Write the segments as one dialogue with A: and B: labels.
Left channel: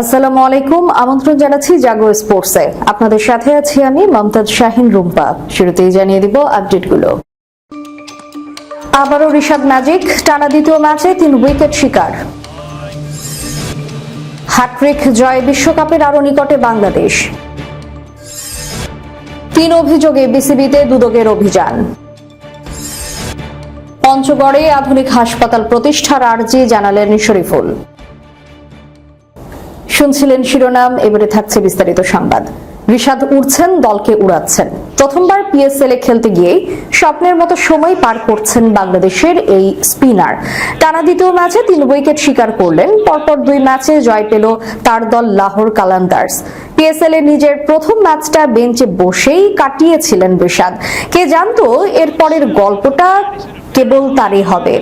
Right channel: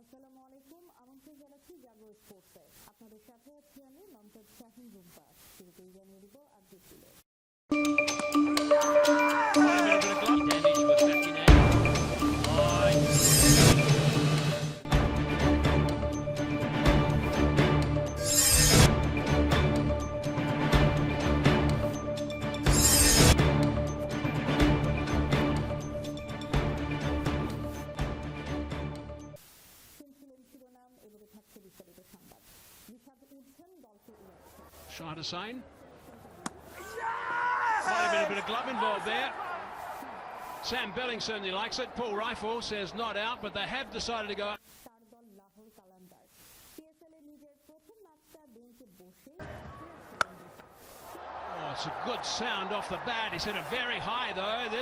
A: আসসালামু আলাইকুম। আমন্ত্রণ জানাচ্ছি জাগো স্পোর্টসে। আপনাদের সাথে আছি আমি মমতাজ শাহিন রুম্পা। শুরুতেই জানিয়ে দিব আপডেটগুলো। আবারও ঋষভ ম্যাজিক টানা দ্বিতীয় ম্যাচে তিন উইকেট শিকার। হ্যাট্রিক জয় বিশ্বকাপের আরও নিকটে বাংলাদেশ। তিন অভিযোগে বিসিবিতে দুদকের অভিযান। পঞ্চগড়ে আধুনিক হাসপাতাল প্রতিষ্ঠার আর্জি জানালেন শরীফুল। শুনছিলেন শিরোনাম, এবারে থাকছে বিস্তারিত সংবাদ। ঋষাদ উড়ছেন, দলকে উড়াচ্ছেন। প্রথমবার পিএসএল এ খেলতে গিয়েই স্বপ্নের মতো সময় পার করছেন বাংলাদেশের এই স্পিনার। টানা দ্বিতীয় ম্যাচে তিন উইকেট শিকার করলেন, পরপর দুই ম্যাচে জয় পেল তার দল লাহোর কালান্দার্স। পিএসএল এ নিজের প্রথম ম্যাচটা বেঞ্চে বসেই কাটিয়েছিলেন ঋষাদ কে জানতো এরপরের গল্পটা কেবল তারই হবে।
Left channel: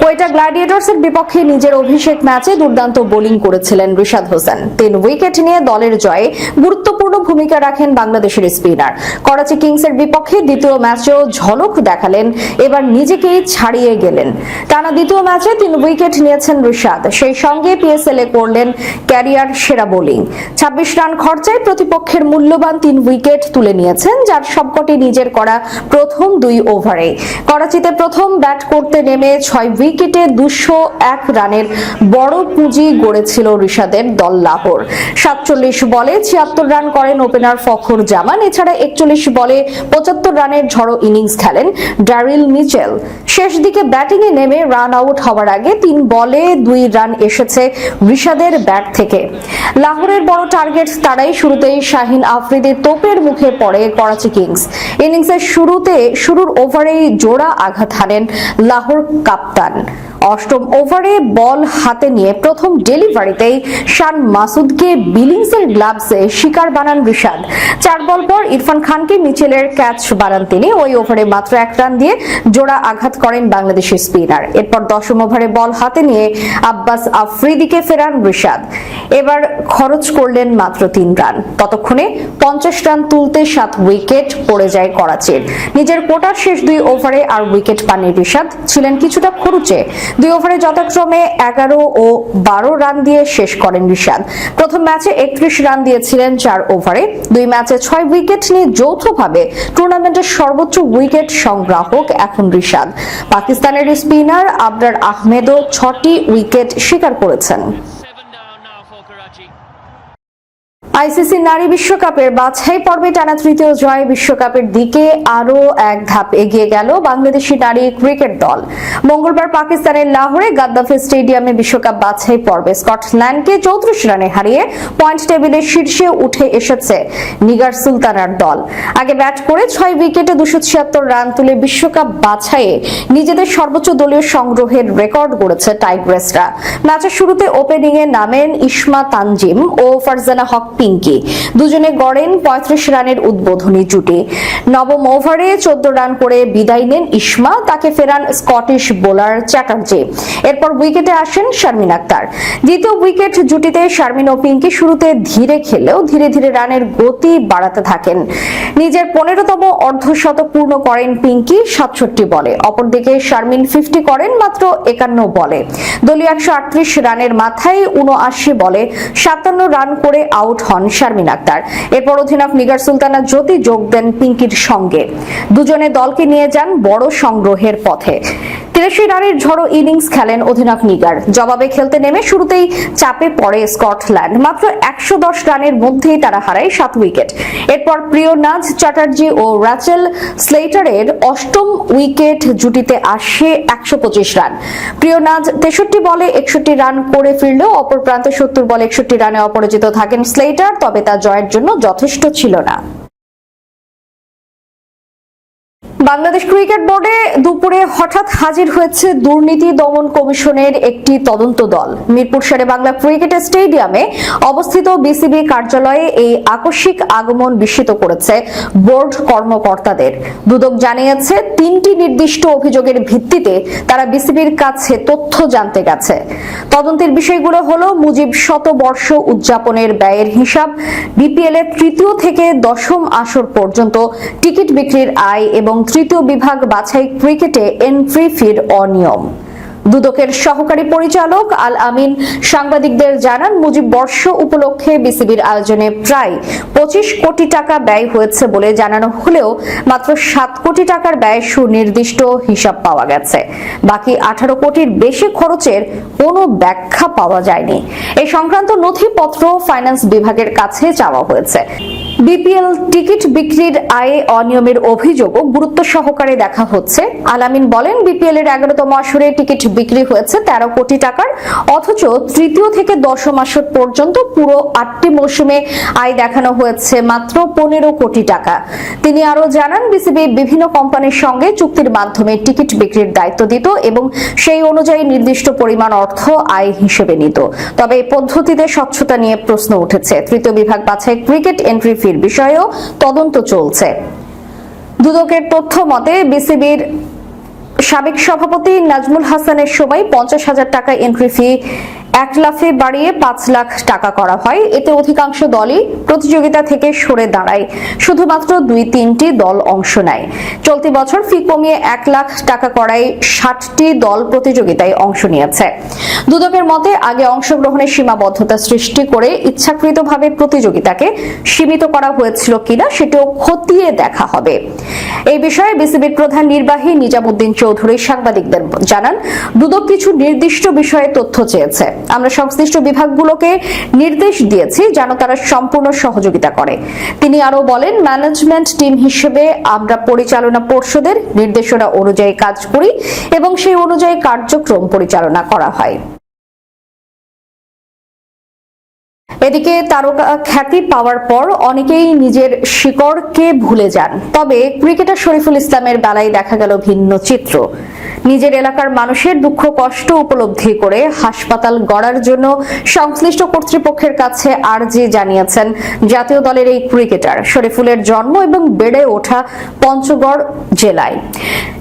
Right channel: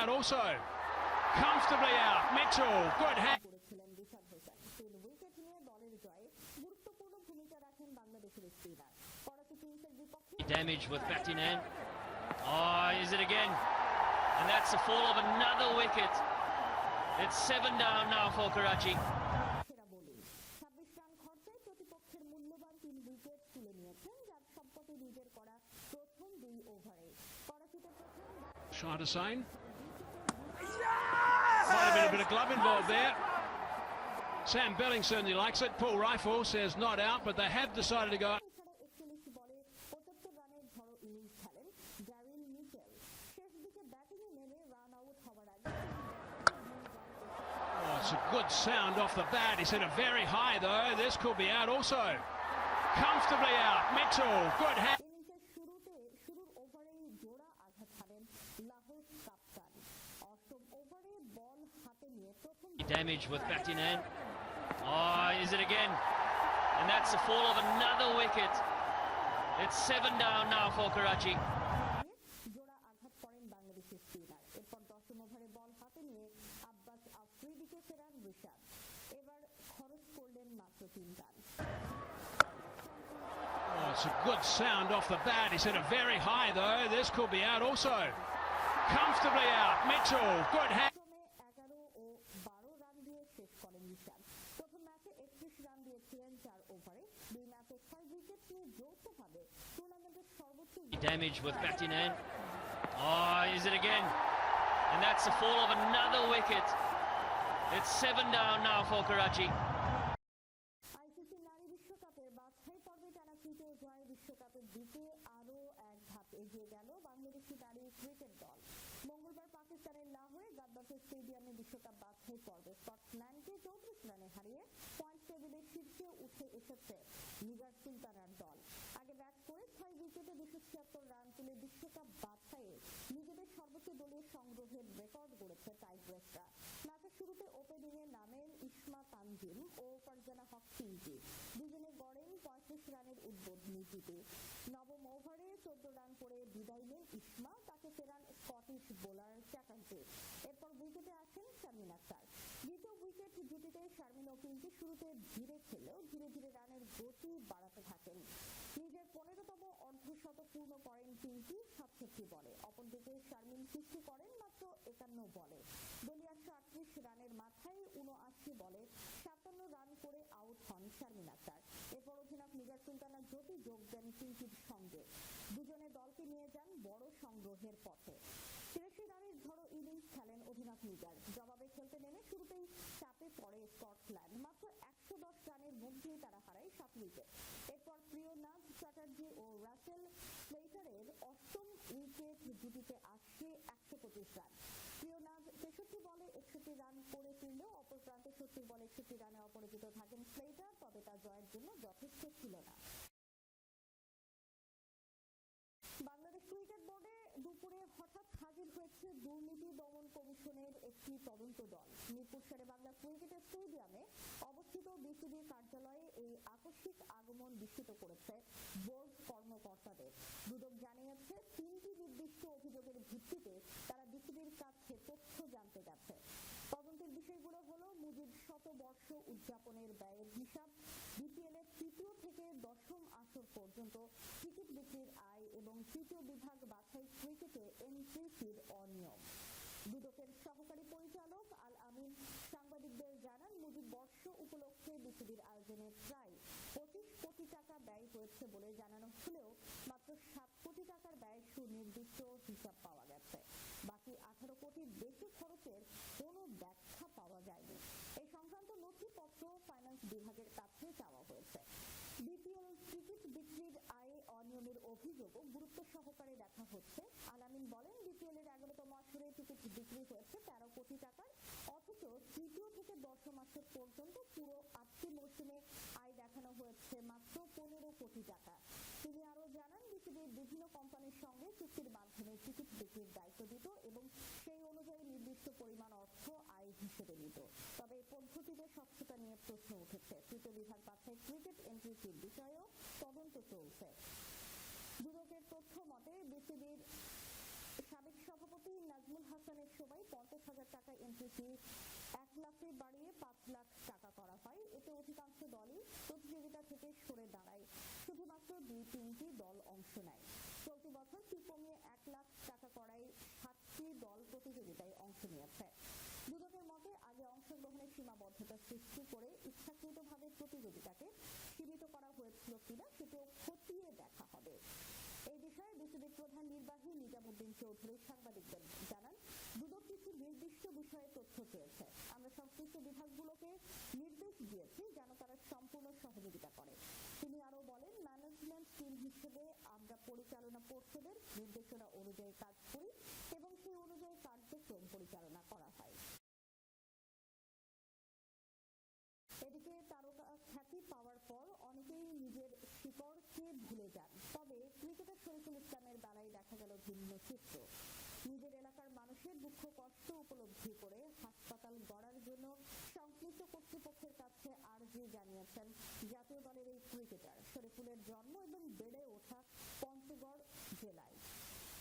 A: কোয়েটা গ্ল্যাডিয়েটর্সের বিপক্ষে নিজের অভিষেক ম্যাচে দুর্দান্ত বোলিং করেছিলেন রিশাদ হোসেন। তিন উইকেট নিয়ে দলের জয়ে গুরুত্বপূর্ণ ভূমিকা রাখেন বাংলাদেশের স্পিনার। করাচি কিংসের বিপক্ষে দ্বিতীয় ম্যাচেও ঝলক দেখালেন, এবার নিজেকেই ছাড়িয়ে গেলেন। টানা দ্বিতীয় ম্যাচে তিন উইকেট নিয়েছেন রিশাদ। সেই সঙ্গে পিএসএল এ করলেন ক্যারিয়ার সেরা বোলিং। ছাব্বিশ রান খরচায় প্রতিপক্ষের মূল্যবান তিন উইকেট তুলে নিয়েছেন, যার সবকটি নিজের করা প্রথম দুই ওভারে। করাচিতে প্রথম ব্যাট করতে নেমে ছয় উইকেটে দুশো এক রানের বড় পুঁজি গড়েছিল ঋষাদের দল লাহোর। সাতচল্লিশ বলে ছিয়াত্তর রান করেন ওপেনার ফখর জামান। এছাড়া একচল্লিশ বলে পঁচাত্তর রানের ঝড়ো ইনিংস খেলেন ড্যারিল মিচেল। শেষ দিকে ব্যাটিংয়ে নেমে রান আউট হওয়ার আগে তিন বলে দুই রান এসেছে ঋষাদের ব্যাট থেকে। লাহোরের বড় টার্গেট তারাই শুরুতেই শাহিন আফ্রিদি তোপের মুখে পড়ে করাচি কিংস। ইনিংসের শুরুতে, শুরুর ওভারেই জোড়া আঘাত হারেন লাহোর কাপ্তান। অষ্টম ওভারে বল হাতে নিয়ে প্রথম ডেলিভারিতেই শান মাসুদকে বিলিংসের গ্লাভসে শিকার বানান ঋষাদ চার বল পর ইরফান খানকে মিচেলের ক্যাচ বানান তিনি। ওই ওভারে মাত্র এক রান দিয়ে জোড়া আঘাত করেন বাংলাদেশের স্পিনার। এরপর দশম ওভারে বল হাতে নিয়ে আব্বাস আফ্রিদিকে ফেরান ঋষাদ এবার খরচ করলেন মাত্র তিন রান। ততক্ষণে পঞ্চাশ রান তুলতে সাত উইকেট পড়ে যায় করাচির। নিজের কোটার শেষ দুই ওভারে আর উইকেট পাননি ঋষাদ ছিলেন কিছুটা খরুচে। দুই ওভারে যথাক্রমে এগারো ও বারো রান দিয়ে শেষ করেন ঋষাদ প্রথম ম্যাচে একত্রিশ রান দিয়েছিলেন চার ওভারে। দুই ম্যাচে ছয় উইকেট নিয়ে যৌথভাবে টুর্নামেন্টের সর্বোচ্চ উইকেট সংগ্রাহক এখন ঋষাদ পাকিস্তানের স্পিনার আবরার আহমেদও ছটি উইকেট শিকার করেছেন। আইসিসি নারী বিশ্বকাপের বাছাই পর্বে টানা তৃতীয় জয় বিশ্বকাপের দিকে আরও এক ধাপ এগিয়ে গেল বাংলাদেশি নারী ক্রিকেট দল। মঙ্গলবার পাকিস্তানের লাহোরে গাদ্দাফি স্টেডিয়ামে বিশ্বকাপ বাছাই পর্বে স্কটল্যান্ডকে চৌত্রিশ রানে হারিয়ে পয়েন্ট টেবিলের শীর্ষে উঠে এসেছে নিগার সুলতানার দল। আগে ব্যাট করে ছয় উইকেটে দুশো ছিয়াত্তর রান তুলে বিশ্বকাপ বাছাইয়ে নিজেদের সর্বোচ্চ দলীয় সংগ্রহের রেকর্ড গড়েছে টাইগ্রেসরা। ম্যাচের শুরুতে ওপেনিংয়ে নামেন ইসমা তানজিম ও ফারজানা হক পিঙ্কি। দুজনে গড়েন পঁয়ত্রিশ রানের উদ্বোধনী জুটি। নবম ওভারে চোদ্দ রান করে বিদায় নেন ইসমা, তাকে ফেরান স্কটিশ বোলার চ্যাটার্জি। এরপর উইকেটে আসেন শারমিন আক্তার। দ্বিতীয় উইকেট জুটিতে শারমিন ও পিঙ্কি শুরুতে ধীরে খেলেও ধীরে ধীরে রানের গতি বাড়াতে থাকেন। নিজের পনেরোতম অর্ধশতক পূর্ণ করেন পিঙ্কি সাতষট্টি বলে। অপরদিকে শারমিন ফিফটি করেন মাত্র একান্ন বলে। দলীয় একশো আটত্রিশ রানের মাথায় উনআশি বলে সাতান্ন রান করে আউট হন শারমিন আক্তার। এরপর অধিনায়ক নিগার সুলতানা জ্যোতি যোগ দেন পিঙ্কির সঙ্গে। দুজনে দলকে নিয়ে যান বড় সংগ্রহের পথে। তিরাশি রানের ঝড়ো ইনিংস খেলেন অধিনায়ক নিগার। জবাবে খেলতে নেমে শুরুতেই চাপে পড়ে স্কটল্যান্ড। মাত্র একশো দশ রানের মধ্যেই তারা হারায় সাত উইকেট। এরপর প্রিয় নাজ চ্যাটার্জি ও র্যাচেল স্লেটারের অষ্টম উইকেট জুটিতে আসে একশো পঁচিশ রান। প্রিয় নাজ তেষট্টি বলে একষট্টি রান করে ফিরলেও অপর প্রান্তে সত্তর বলে একষট্টি রানে অপরাজিত থাকেন স্লেটার তবে তা জয়ের জন্য যথেষ্ট ছিল না। বাংলাদেশ ক্রিকেট বোর্ডে দুপুরে হঠাৎ হাজির হয়েছে দুর্নীতি দমন কমিশনের একটি তদন্ত দল। মিরপুর শেরে বাংলা ক্রিকেট স্টেডিয়ামে অবস্থিত বিসিবি কার্যালয়ে এই আকস্মিক আগমন বিস্মিত করেছে বোর্ড কর্মকর্তাদের। দুদক জানিয়েছে, তিনটি নির্দিষ্ট অভিযোগের ভিত্তিতে তারা বিসিবির কাছে তথ্য জানতে গেছে। তদন্তের বিষয়গুলো হলো মুজিব শতবর্ষ উদযাপনের ব্যয়ের হিসাব বিপিএল এর তৃতীয় থেকে দশম আসর পর্যন্ত টিকিট বিক্রির আয় এবং তৃতীয় বিভাগ বাছাই ক্রিকেটে এন্ট্রি ফির অনিয়ম। দুদকের সহকারী পরিচালক আল আমিন, সাংবাদিকদের জানান, মুজিব বর্ষ উপলক্ষে বিসিবির আয়োজনে প্রায় পঁচিশ কোটি টাকা ব্যয় হয়েছে বলে জানানো হলেও মাত্র সাত কোটি টাকার ব্যয় সুনির্দিষ্ট হিসাব পাওয়া গেছে। বাকি আঠারো কোটির বেশি খরচের কোনো ব্যাখ্যা পাওয়া যায়নি। এই সংক্রান্ত নথিপত্র ফাইন্যান্স বিভাগের কাছে চাওয়া হয়েছে। বিপিএল টিকিট বিক্রির আয়ে অনিয়মের অভিযোগও গুরুত্ব সহকারে দেখা হচ্ছে। আলামিন বলেন বিপিএল এর এগারোতম আসরে টিকিট বিক্রি হয়েছে তেরো কোটি টাকার, অথচ তৃতীয় থেকে দশম আসর পর্যন্ত পুরো আটটি মৌসুমে আয় দেখানো হয়েছে মাত্র পনেরো কোটি টাকা। তিনি আরও জানান, বিসিবি বিভিন্ন কোম্পানির সঙ্গে চুক্তির মাধ্যমে টিকিট বিক্রির দায়িত্ব দিত এবং সেই অনুযায়ী নির্দিষ্ট পরিমাণ অর্থ আয় হিসেবে নিত। তবে এই পদ্ধতিতে স্বচ্ছতা নিয়ে প্রশ্ন উঠেছে। তৃতীয় বিভাগ বাছাই ক্রিকেট এন্ট্রি ফির বিষয়েও তদন্ত চলছে। দুদকের তথ্য মতে, বিসিবির সাবেক সভাপতি নাজমুল হাসানের সময় পঞ্চাশ হাজার টাকা এন্ট্রি ফি এক লাফে বাড়িয়ে পাঁচ লাখ টাকা করা হয়। এতে অধিকাংশ দলই প্রতিযোগিতা থেকে সরে দাঁড়ায়। শুধুমাত্র দুই তিনটি দল অংশ নেয়। চলতি বছর ফি কমিয়ে এক লাখ টাকা করায় ষাটটি দল প্রতিযোগিতায় অংশ নিয়েছে। দুদকের মতে, আগে অংশগ্রহণের সীমাবদ্ধতা সৃষ্টি করে ইচ্ছাকৃতভাবে প্রতিযোগিতাকে সীমিত করা হয়েছিল কিনা সেটিও খতিয়ে দেখা হবে। এই বিষয়ে বিসিবির প্রধান নির্বাহী নিজামুদ্দিন চৌধুরী সাংবাদিকদের জানান, দুদক কিছু নির্দিষ্ট বিষয়ে তথ্য চেয়েছে। আমরা সংশ্লিষ্ট বিভাগগুলোকে নির্দেশ দিয়েছি যেন তারা সম্পূর্ণ সহযোগিতা করে। তিনি আরও বলেন, ম্যানেজমেন্ট টিম হিসেবে আমরা পরিচালনা পর্ষদের নির্দেশনা অনুযায়ী কাজ করি এবং সেই অনুযায়ী কার্যক্রম পরিচালনা করা হয়। এদিকে তারকা খ্যাতি পাওয়ার পর অনেকেই নিজের শিকড়কে ভুলে যান। তবে ক্রিকেটার শরীফুল ইসলামের বেলায় দেখা গেল ভিন্ন চিত্র। নিজের এলাকার মানুষের দুঃখ, কষ্ট উপলব্ধি করে হাসপাতাল গড়ার জন্য সংশ্লিষ্ট কর্তৃপক্ষের কাছে আর্জি জানিয়েছেন জাতীয় দলের এই ক্রিকেটার। শরীফুলের জন্ম এবং বেড়ে ওঠা পঞ্চগড় জেলায়।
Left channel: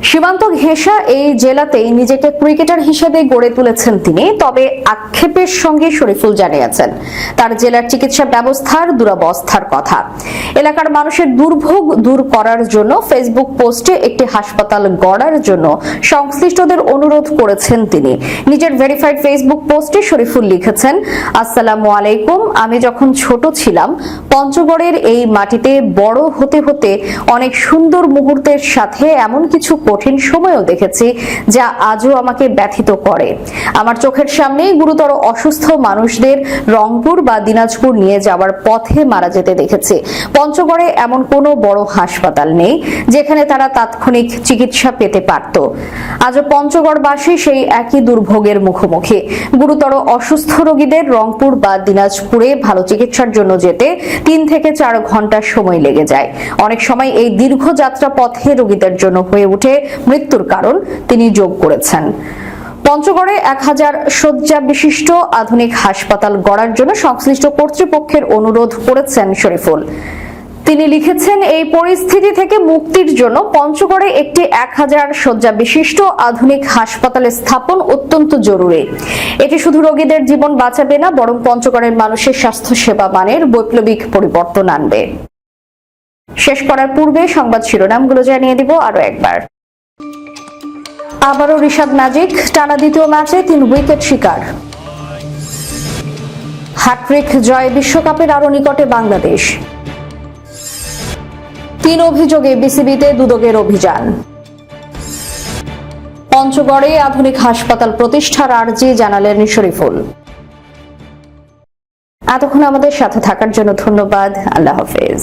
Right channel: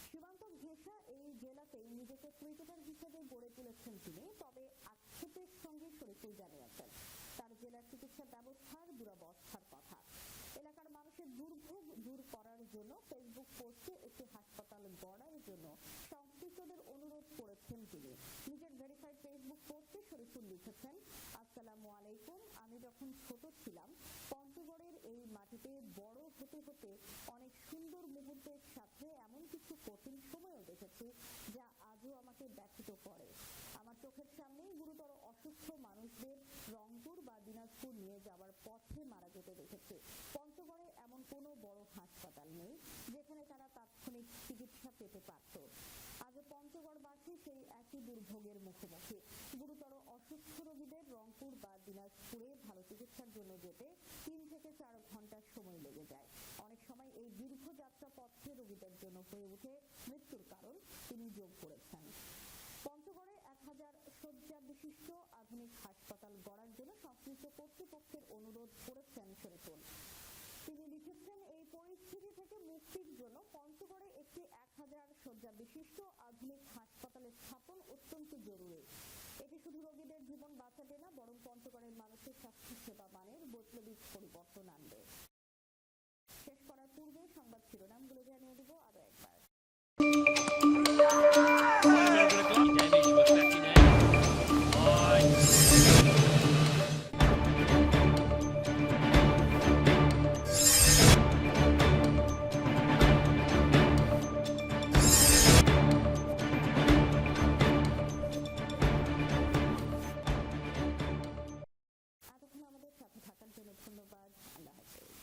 A: সীমান্ত ঘেঁষা এই জেলাতেই নিজেকে ক্রিকেটার হিসেবে গড়ে তুলেছেন তিনি, তবে আক্ষেপের সঙ্গে শরীফুল জানিয়েছেন, তার জেলার চিকিৎসা ব্যবস্থার দুরবস্থার কথা। এলাকার মানুষের দুর্ভোগ দূর করার জন্য ফেসবুক পোস্টে একটি হাসপাতাল গড়ার জন্য সংশ্লিষ্টদের অনুরোধ করেছেন তিনি। নিজের ভেরিফাইড ফেসবুক পোস্টে শরীফুল লিখেছেন, আসসালামু আলাইকুম, আমি যখন ছোট ছিলাম, পঞ্চগড়ের এই মাটিতে বড় হতে হতে অনেক সুন্দর মুহূর্তের সাথে এমন কিছু কঠিন সময়ও দেখেছি যা আজও আমাকে ব্যথিত করে। আমার চোখের সামনেই গুরুতর অসুস্থ মানুষদের রংপুর বা দিনাজপুর নিয়ে যাওয়ার পথে মারা যেতে দেখেছি। পঞ্চগড়ে এমন কোনো বড় হাসপাতাল নেই, যেখানে তারা তাৎক্ষণিক চিকিৎসা পেতে পারত। আজও পঞ্চগড়বাসী সেই একই দুর্ভোগের মুখোমুখি। গুরুতর অসুস্থ রোগীদের রংপুর বা দিনাজপুরে ভালো চিকিৎসার জন্য যেতে তিন থেকে চার ঘণ্টা সময় লেগে যায়। অনেক সময় এই দীর্ঘ যাত্রা পথে রোগীদের জন্য হয়ে ওঠে মৃত্যুর কারণ তিনি যোগ করেছেন। পঞ্চগড়ে এক হাজার শয্যা বিশিষ্ট আধুনিক হাসপাতাল গড়ার জন্য সংশ্লিষ্ট কর্তৃপক্ষের অনুরোধ করেছেন শরীফুল। তিনি লিখেছেন, এই পরিস্থিতি থেকে মুক্তির জন্য পঞ্চগড়ে একটি এক হাজার শয্যা বিশিষ্ট আধুনিক হাসপাতাল স্থাপন অত্যন্ত জরুরি। এটি শুধু রোগীদের জীবন বাঁচাবে না, বরং পঞ্চগড়ের মানুষের স্বাস্থ্য সেবা মানের বৈপ্লবিক পরিবর্তন আনবে। শেষ করার পূর্বে সংবাদ শিরোনামগুলো জানিয়ে দিব আরও একবার। আবারও ঋষভ নাজিক, টানা দ্বিতীয় ম্যাচে তিন উইকেট শিকার। হ্যাট্রিক জয় বিশ্বকাপের আরও নিকটে বাংলাদেশ। তিন অভিযোগে বিসিবিতে দুদকের অভিযান। পঞ্চগড়ে আধুনিক হাসপাতাল প্রতিষ্ঠার আর্জি জানালেন শরীফুল। এতক্ষণ আমাদের সাথে থাকার জন্য ধন্যবাদ। আল্লাহ হাফেজ।